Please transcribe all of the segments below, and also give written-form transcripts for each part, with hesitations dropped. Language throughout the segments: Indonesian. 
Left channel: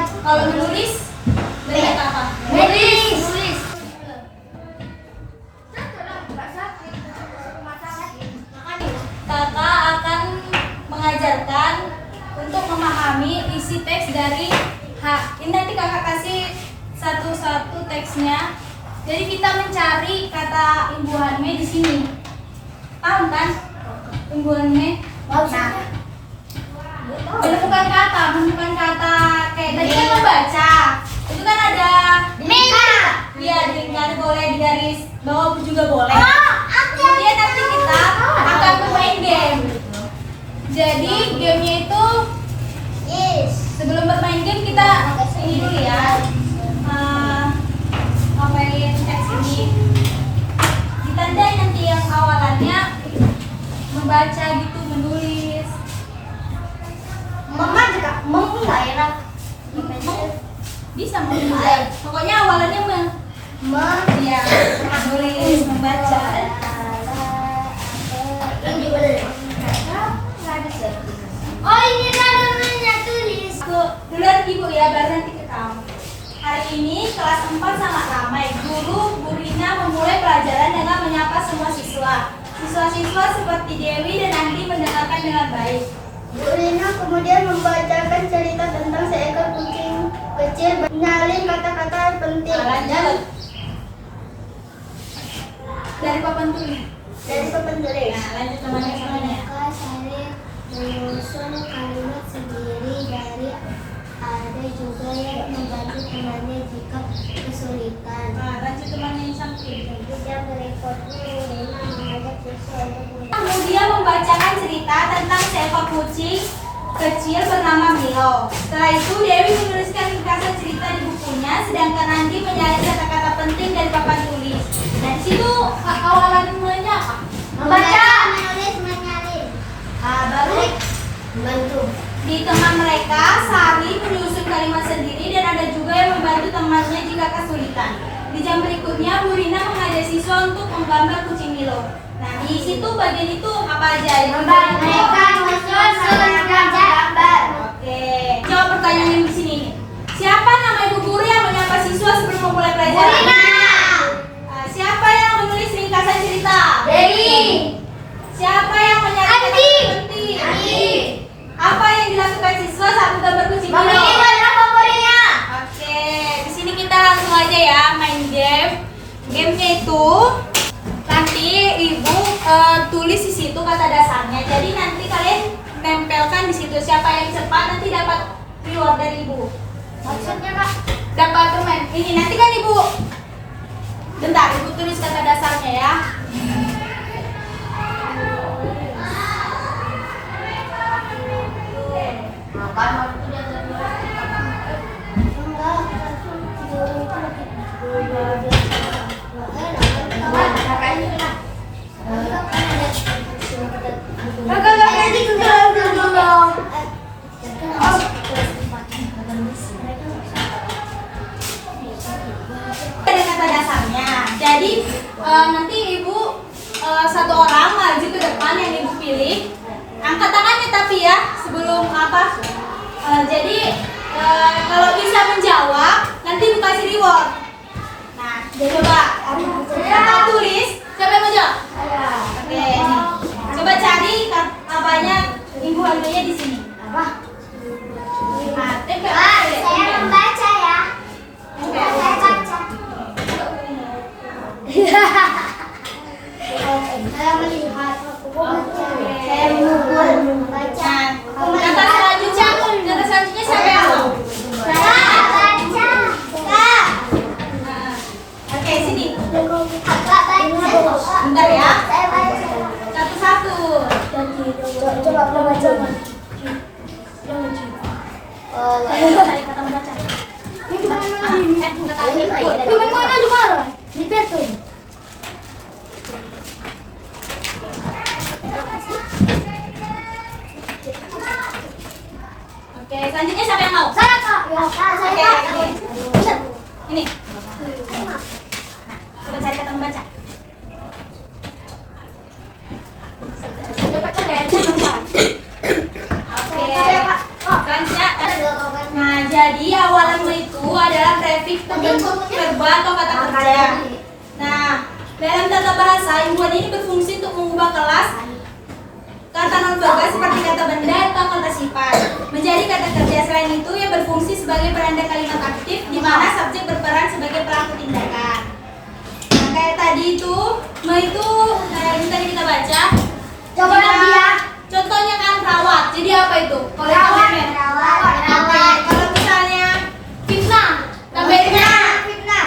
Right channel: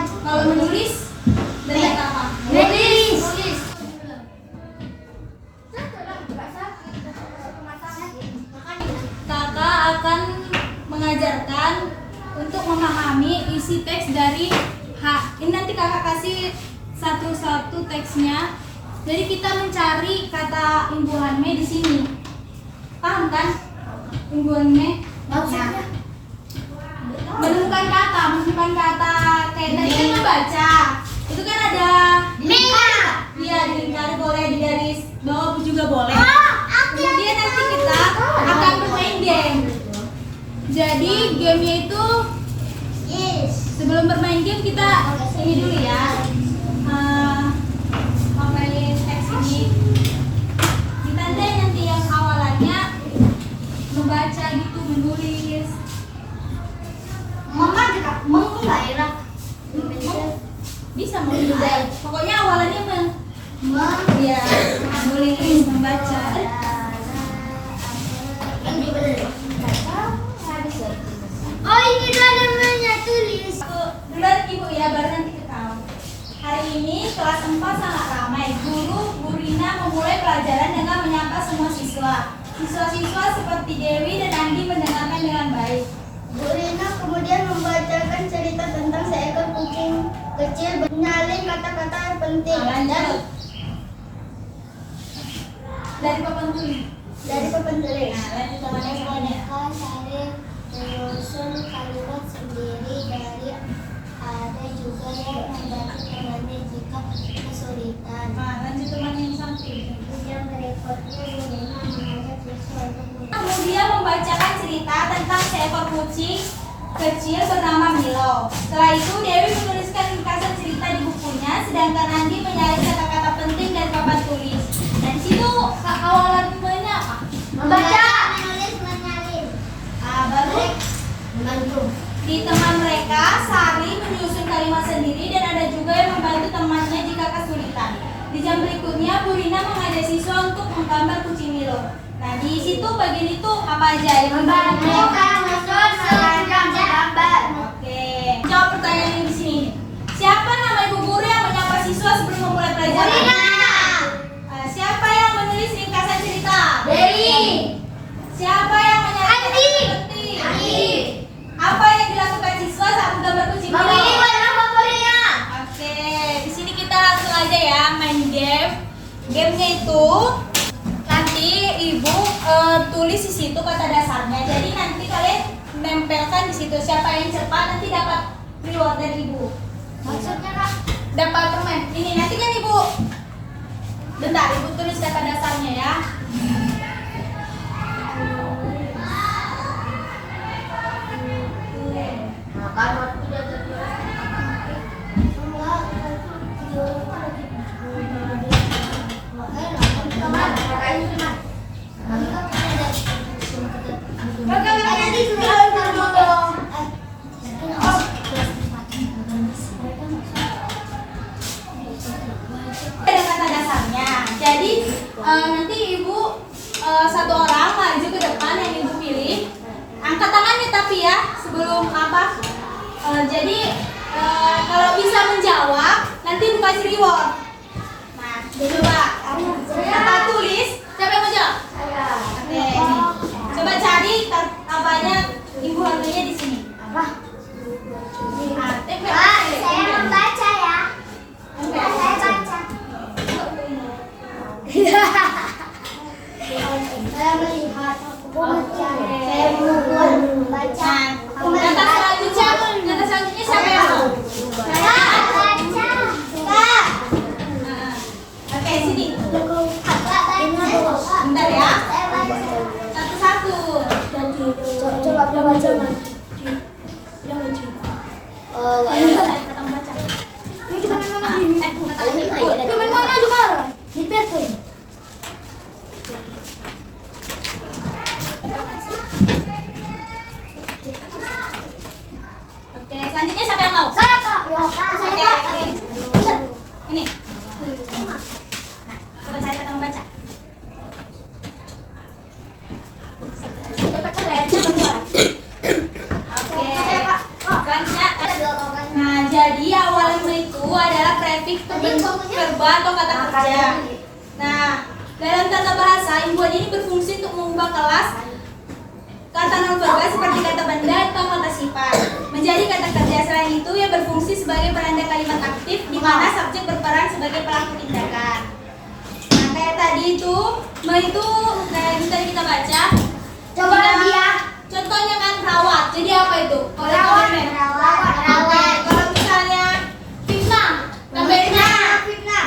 Kalau menulis dari kata apa? Menulis. Kakak akan mengajarkan untuk memahami isi teks dari H. Ini nanti kakak kasih satu-satu teksnya. Jadi kita mencari kata imbuhannya di sini. Paham kan? Imbuhannya. Nah, menemukan kata kayak tadi kan membaca. Itu kan ada iya, di garis boleh di garis bawah juga boleh. Kemudian nanti kita akan bermain game. Jadi gamenya itu sebelum bermain game kita ini dulu ya. Ngapain teks ini? Ditandai nanti yang awalannya membaca gitu, menulis. Mama juga nggak enak. Bisa menulis. Pokoknya awalannya iya, menulis, membaca. Oh, ini namanya tulis. Duluan ibu ya, baru nanti ke kamu. Hari ini kelas 4 sangat ramai. Guru Bu Rina memulai pelajaran dengan menyapa semua siswa. Siswa-siswa seperti Dewi dan Andi mendengarkan dengan baik. Bu Rina kemudian membacakan cerita tentang seekor kucing kecil menyalin kata-kata penting. Lanjut. Dari papan tulis. Dari papan tulis. Nah, lanjut teman-teman semuanya. Maka saya menyusun kalimat sendiri dari ada juga yang membantu temannya jika kesulitan. Nah, lanjut temannya yang samping. Kemudian berikutnya Rina mengajak siswa untuk Kemudian membacakan cerita tentang seekor kucing kecil bernama Milo. Setelah itu Dewi menuliskan ringkasan cerita di bukunya, sedangkan Andi menyalin kata-kata penting dari papan tulis. Dan situ awalannya apa? membaca, menulis, menyalin. Nah, baru Membantu. di teman mereka, Sari menyusun kalimat sendiri dan ada juga yang membantu temannya jika kesulitan. Di jam berikutnya, Bu Rina mengajak siswa untuk menggambar kucing Milo. Nah, di situ bagian itu apa aja? Mereka menyusun gambar. Oke. Jawab pertanyaan yang di sini nih. Siapa nama ibu guru yang menyapa siswa sebelum memulai pelajaran? Siapa yang menulis ringkasan cerita? Dewi. Siapa yang menyalin Andi. kata-kata penting? Andi. Apa yang dilakukan siswa saat menggambar kucing Milo? Memilih warna favoritnya. Oke, di sini kita langsung aja ya main game. Gamenya itu nanti ibu tulis di situ kata dasarnya. Jadi nanti kalian tempelkan di situ. Siapa yang cepat nanti dapat reward dari ibu. Maksudnya Kak? Dapat teman. Ini nanti kan ibu. Bentar, ibu tulis kata dasarnya ya. Makan waktu udah Ada kata dasarnya. Jadi nanti ibu satu orang maju ke depan yang ibu pilih. Angkat tangannya tapi ya sebelum apa? Jadi kalau bisa menjawab nanti ibu kasih reward. Nah, coba kita tulis. Siapa yang mau jawab? Oke, ini. Coba cari apanya ibu harganya di sini. Nah, tempel. saya membaca ya. Tempel. Saya baca. Saya melihat. Saya membaca. Kata selanjutnya siapa yang mau? Oke, sini. Bentar ya. Satu-satu. Coba baca. Cari kata membaca. Oke, selanjutnya siapa yang mau? Oke, ini. Coba cari kata membaca. Oke. Selanjutnya, nah jadi awalan me itu adalah prefix pembentuk verbal atau kata kerja. Nah, dalam tata bahasa, himbuan ini berfungsi untuk mengubah kelas kata non-verbal seperti kata benda atau kata sifat menjadi kata kerja. Selain itu, ia berfungsi sebagai penanda kalimat aktif di mana subjek berperan sebagai pelaku tindakan. Nah, kayak tadi itu, me itu yang tadi kita baca. Coba lagi ya. Contohnya kan rawat. Jadi apa itu? Rawat. Kalau misalnya fitnah, tambahinnya Fitnah.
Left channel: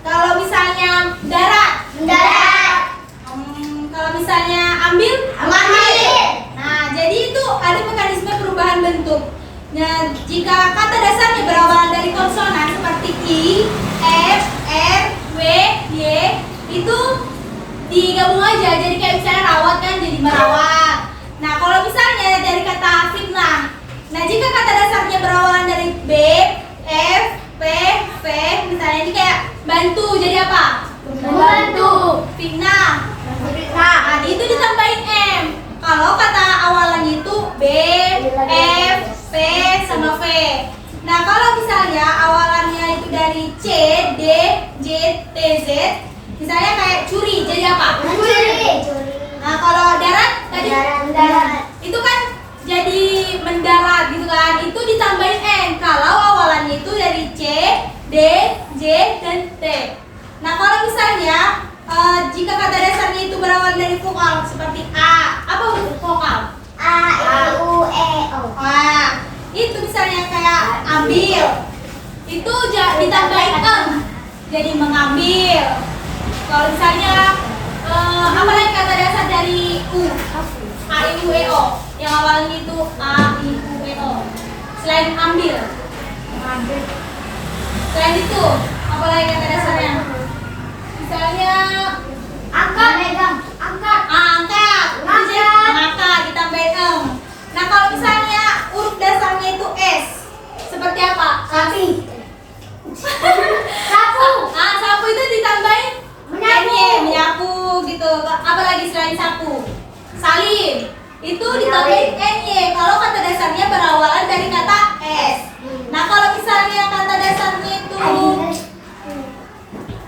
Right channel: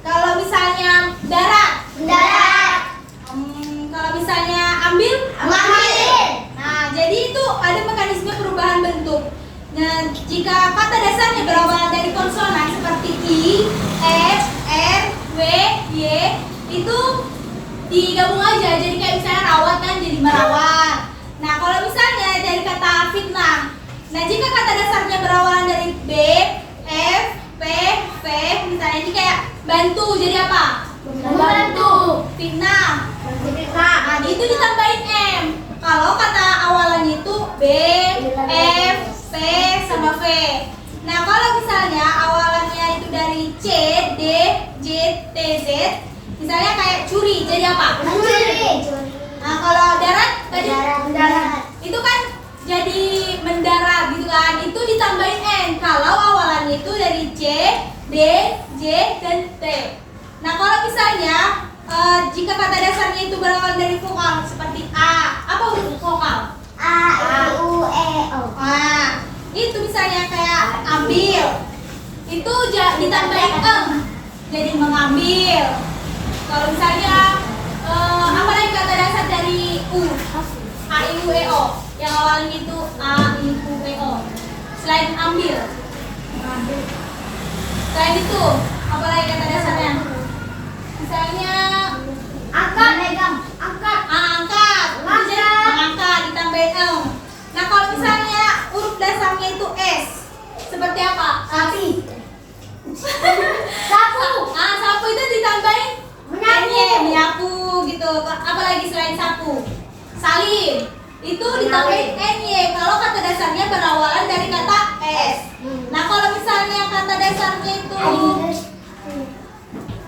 kalau misalnya darat, Mendarat. kalau misalnya ambil. Mengambil. Nah, jadi itu ada mekanisme perubahan bentuk. Nah, jika kata dasarnya berawal dari konsonan seperti I, F, R, W, Y, itu digabung aja. Jadi kayak misalnya rawat kan jadi merawat. Nah, kalau misalnya dari kata fitnah, nah jika kata dasarnya berawalan dari B, F, P, V, misalnya ini kayak bantu jadi apa? Membantu. Fitnah. Nah, itu ditambahin M. Kalau kata awalannya itu B, F, P, sama V. Nah, kalau misalnya awalannya itu dari C, D, J, T, Z, misalnya kayak curi, jadi apa? Mencuri. Nah, kalau darat tadi Mendarat. itu kan jadi mendarat gitu kan. Itu ditambahin N. Kalau awalannya itu dari C, D, J, dan T. Nah, kalau misalnya jika kata dasarnya itu berawal dari vokal seperti A, apa huruf vokal? A, I, U, E, O. Nah, itu misalnya kayak ambil, itu ditambahin em, jadi mengambil. Kalau misalnya apa lagi kata dasar dari U, A, I, U, E, O, yang awalnya itu A, I, U, E, O. Selain ambil, mengambil. Selain itu, apa lagi kata dasarnya? Misalnya Angkat. Angkat. angkat, mengangkat ditambahin em. Nah, kalau misalnya huruf dasarnya itu S, seperti apa? Sapi. Sapu. Nah, sapu itu ditambahin Menyapu. menyapu gitu. Apalagi selain sapu? Salin. Itu ditambahin ny. Kalau kata dasarnya berawalan dari kata S. Nah, kalau misalnya kata dasarnya itu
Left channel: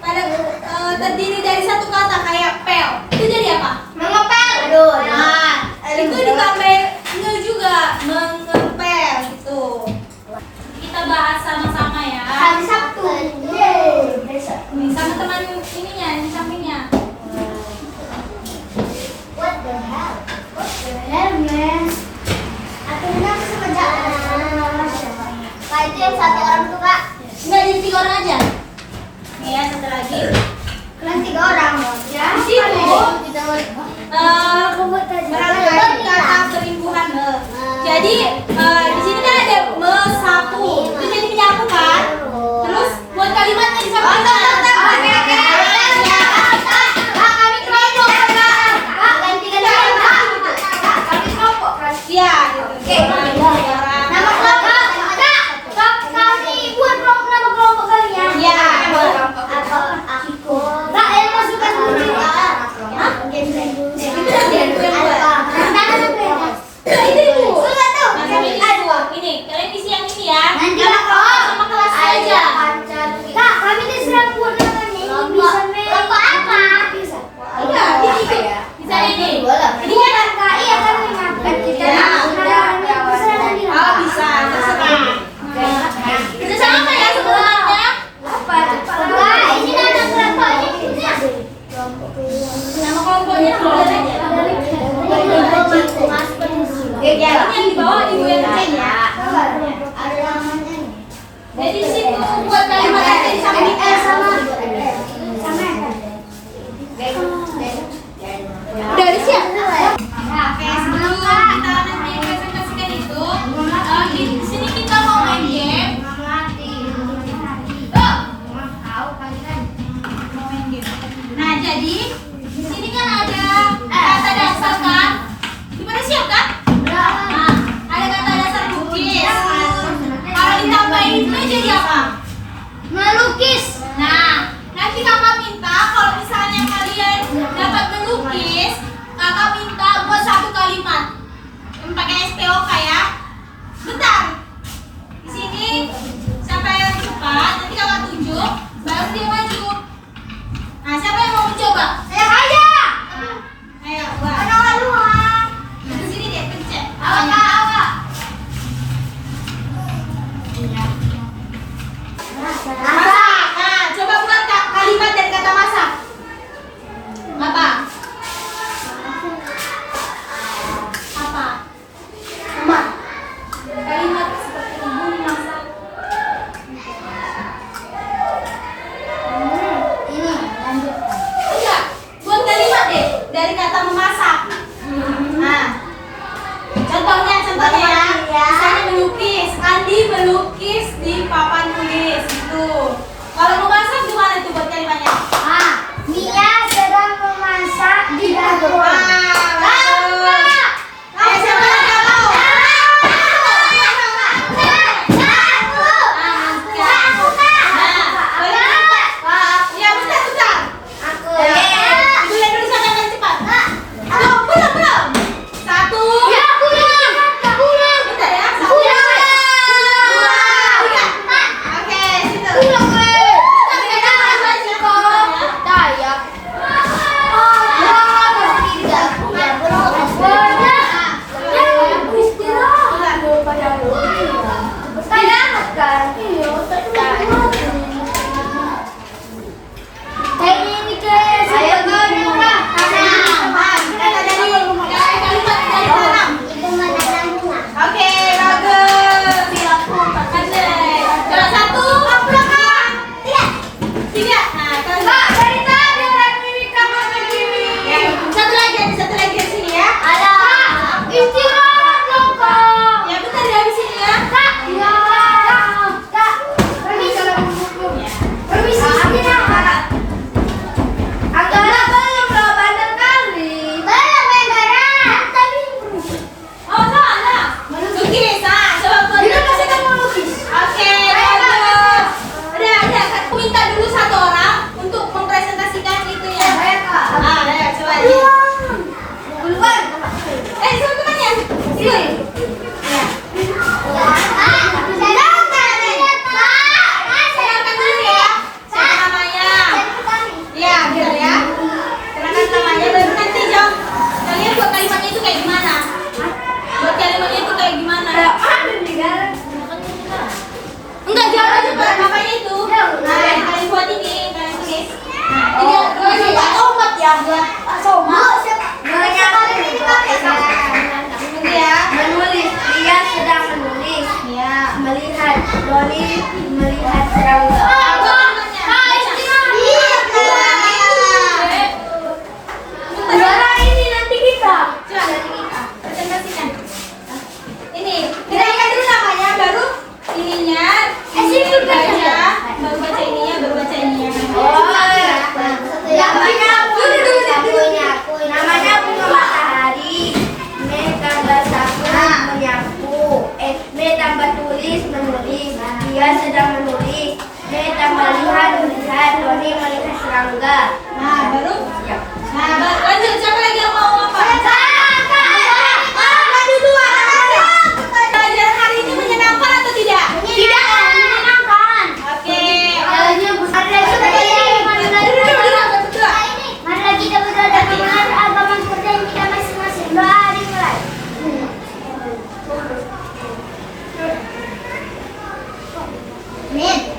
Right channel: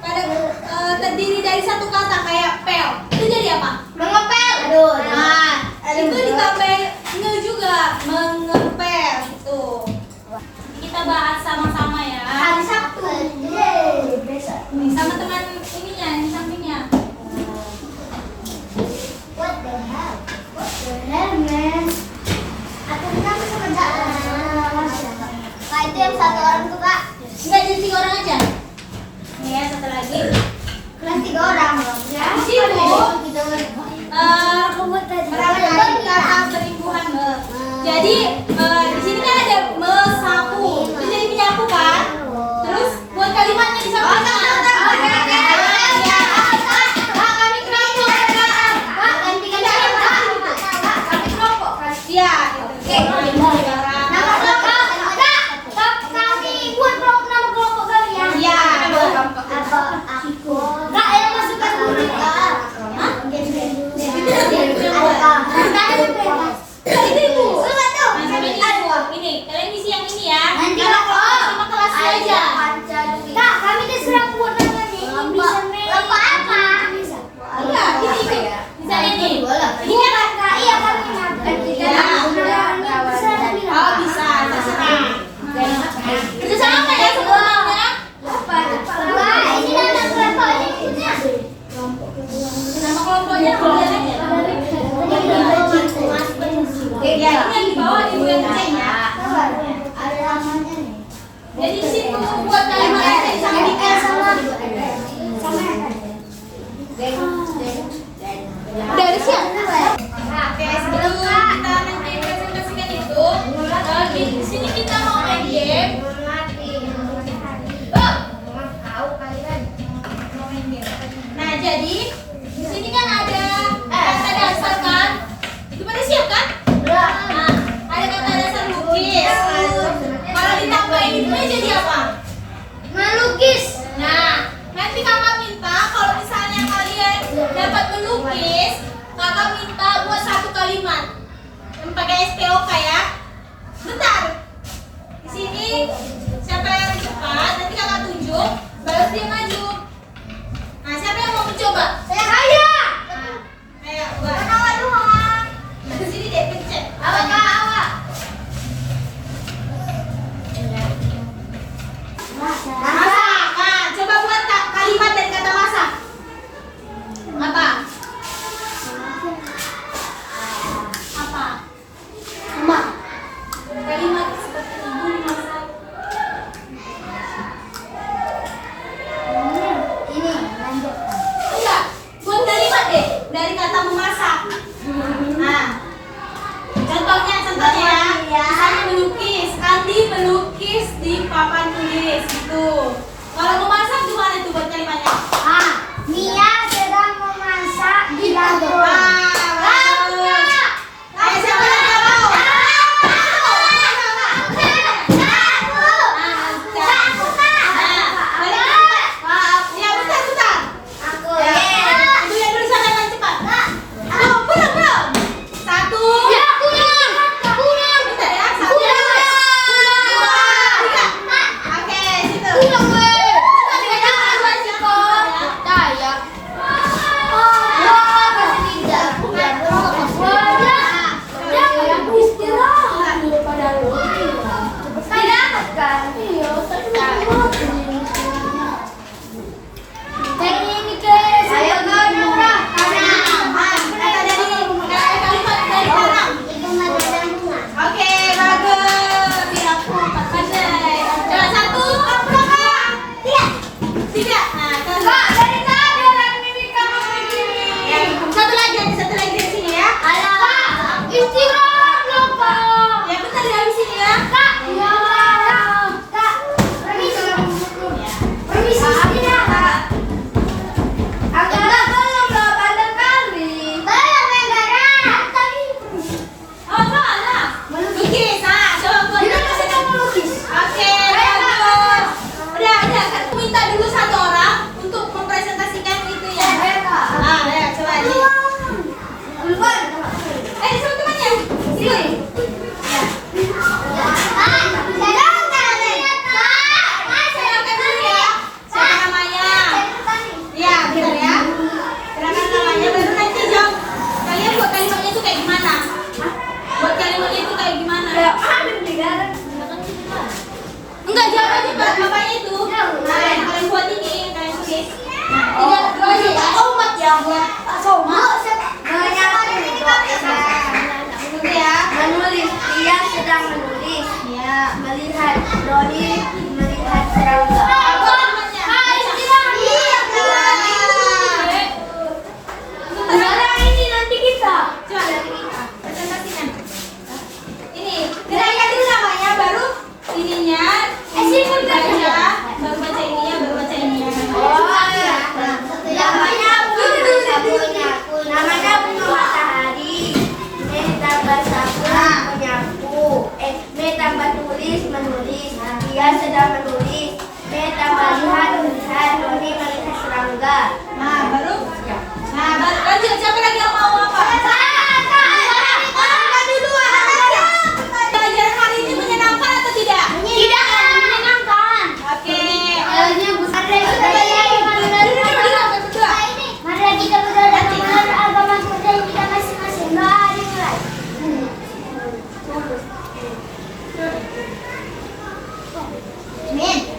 pada terdiri dari satu kata kayak pel, itu jadi apa? Mengepel. Aduh. Nah, itu ditambahin nge juga, mengepel gitu. Kita bahas sama-sama ya. Hari Sabtu. Yeay. Besok. Sama teman ininya, di sampingnya. What the hell? What the hell, man? Atau kita bisa kerja? Pak, itu yang satu orang tuh, Kak. Enggak, jadi 3 orang aja. Nih ya, satu lagi. Kan 3 orang dong. Ya. Di situ merangkai kata berimbuhan me. Jadi di sini kan ada mesapu, itu jadi menyapu kan. Terus buat kalimatnya di sampingnya. Iya, gitu. Nama kelompok. Kak, kami buat nama kelompok kalian. Iya. Apa? Aku. Kak, yang masukkan dulu, Kak. Hah? Itu ibu. Enggak tahu. Nah, sampai ini, kalian isi yang ini ya. Nanti Karena sama kelas aja. Kak, kami terserah buat namanya. Ini bisa main. Kelompok apa? Iya, ini bisa ini. Ini kan Iya, kami makan. Ya. Oh, bisa, terserah. Kerja sama ya semuanya. Wah, ini ada kelompoknya punya. Nama kelompoknya boleh aja. Ya, ini yang di bawah ibu yang kecilnya. Ada namanya nih. Jadi di situ buat kalimat aja di sampingnya. Udah ada siap? Nah, oke, sebelum kita nanti presentasikan itu, di sini kita mau main game. Nah, jadi di sini kan ada kata dasar kan? Gimana siap kan? Nah, ada kata dasar lukis. Kalau ditambahin itu jadi apa? Melukis. Nah, nanti kakak minta kalau misalnya kalian dapat melukis, kakak minta buat 1 kalimat yang pakai SPOK ya. Bentar. Di sini siapa yang cepat, nanti kakak tunjuk, baru dia maju. Nah, siapa yang mau mencoba? Saya aja. Ayo, buat. Ke sini deh, pencet. Awak. Masak. Nah, coba buat kalimat dari kata masak. Apa? Apa? Kalimat seperti ibu masak. Ini lanjutkan. Enggak, buat kalimat deh dari kata memasak. Nah, contohnya ya. Misalnya melukis, Andi melukis di papan tulis gitu. Kalau memasak gimana itu buat kalimatnya? Mia sedang memasak di dapur. Bagus. Ayo siapa yang nggak tahu? Ya bentar. Ibu lihat dulu siapa yang paling cepat. Belum. Satu. Bentar ya. Satu. Dua. Tiga. Oke, situ. Oke, bagus. Pandai. Coba satu. Tiga. Nah, ya, satu lagi di sini ya. Ya, bentar ya di sini ya. Oh, salah. Melukis. Nah, coba buat. Oke, bagus. Udah. Aku minta dulu satu orang untuk mempresentasikan itu ya. Ya, coba ini. Sama temannya. Sini. Ya. Silakan dulu ya. Siapa namanya? Ya, biar ya. Silakan namanya baru nanti jawab. Kalian buat kalimatnya itu kayak gimana? Buat kalimatnya itu kayak gimana? Enggak, jawab aja pada bapaknya itu. Nah, yang kalian buat ini, yang kalian tulis. Nah, ini ya. Omat ya buat Pak Soma. Tunggu ya. Menulis, dia sedang menulis. Ya. Melihat Doni, melihat serangga. Apa namanya? Ini nanti kita. Coba nanti kita presentasikan. Ini kita dulu namanya, baru ininya. Ini baca, baru baca ininya, baru baca ininya. Namanya bunga matahari. Me tambah sabun menyapu. Me tambah tulis menulis. Dia sedang menulis. Me tambah lihat melihat. Doni melihat serangga. Nah, baru. Nah, lanjut. Siapa lagi yang mau apa? Tadi dua. Pelajaran hari ini menyenangkan atau tidak? Menyenangkan. Oke. Mari kita berdoa dengan agama dan kita masing-masing. Doa dimulai. Amin.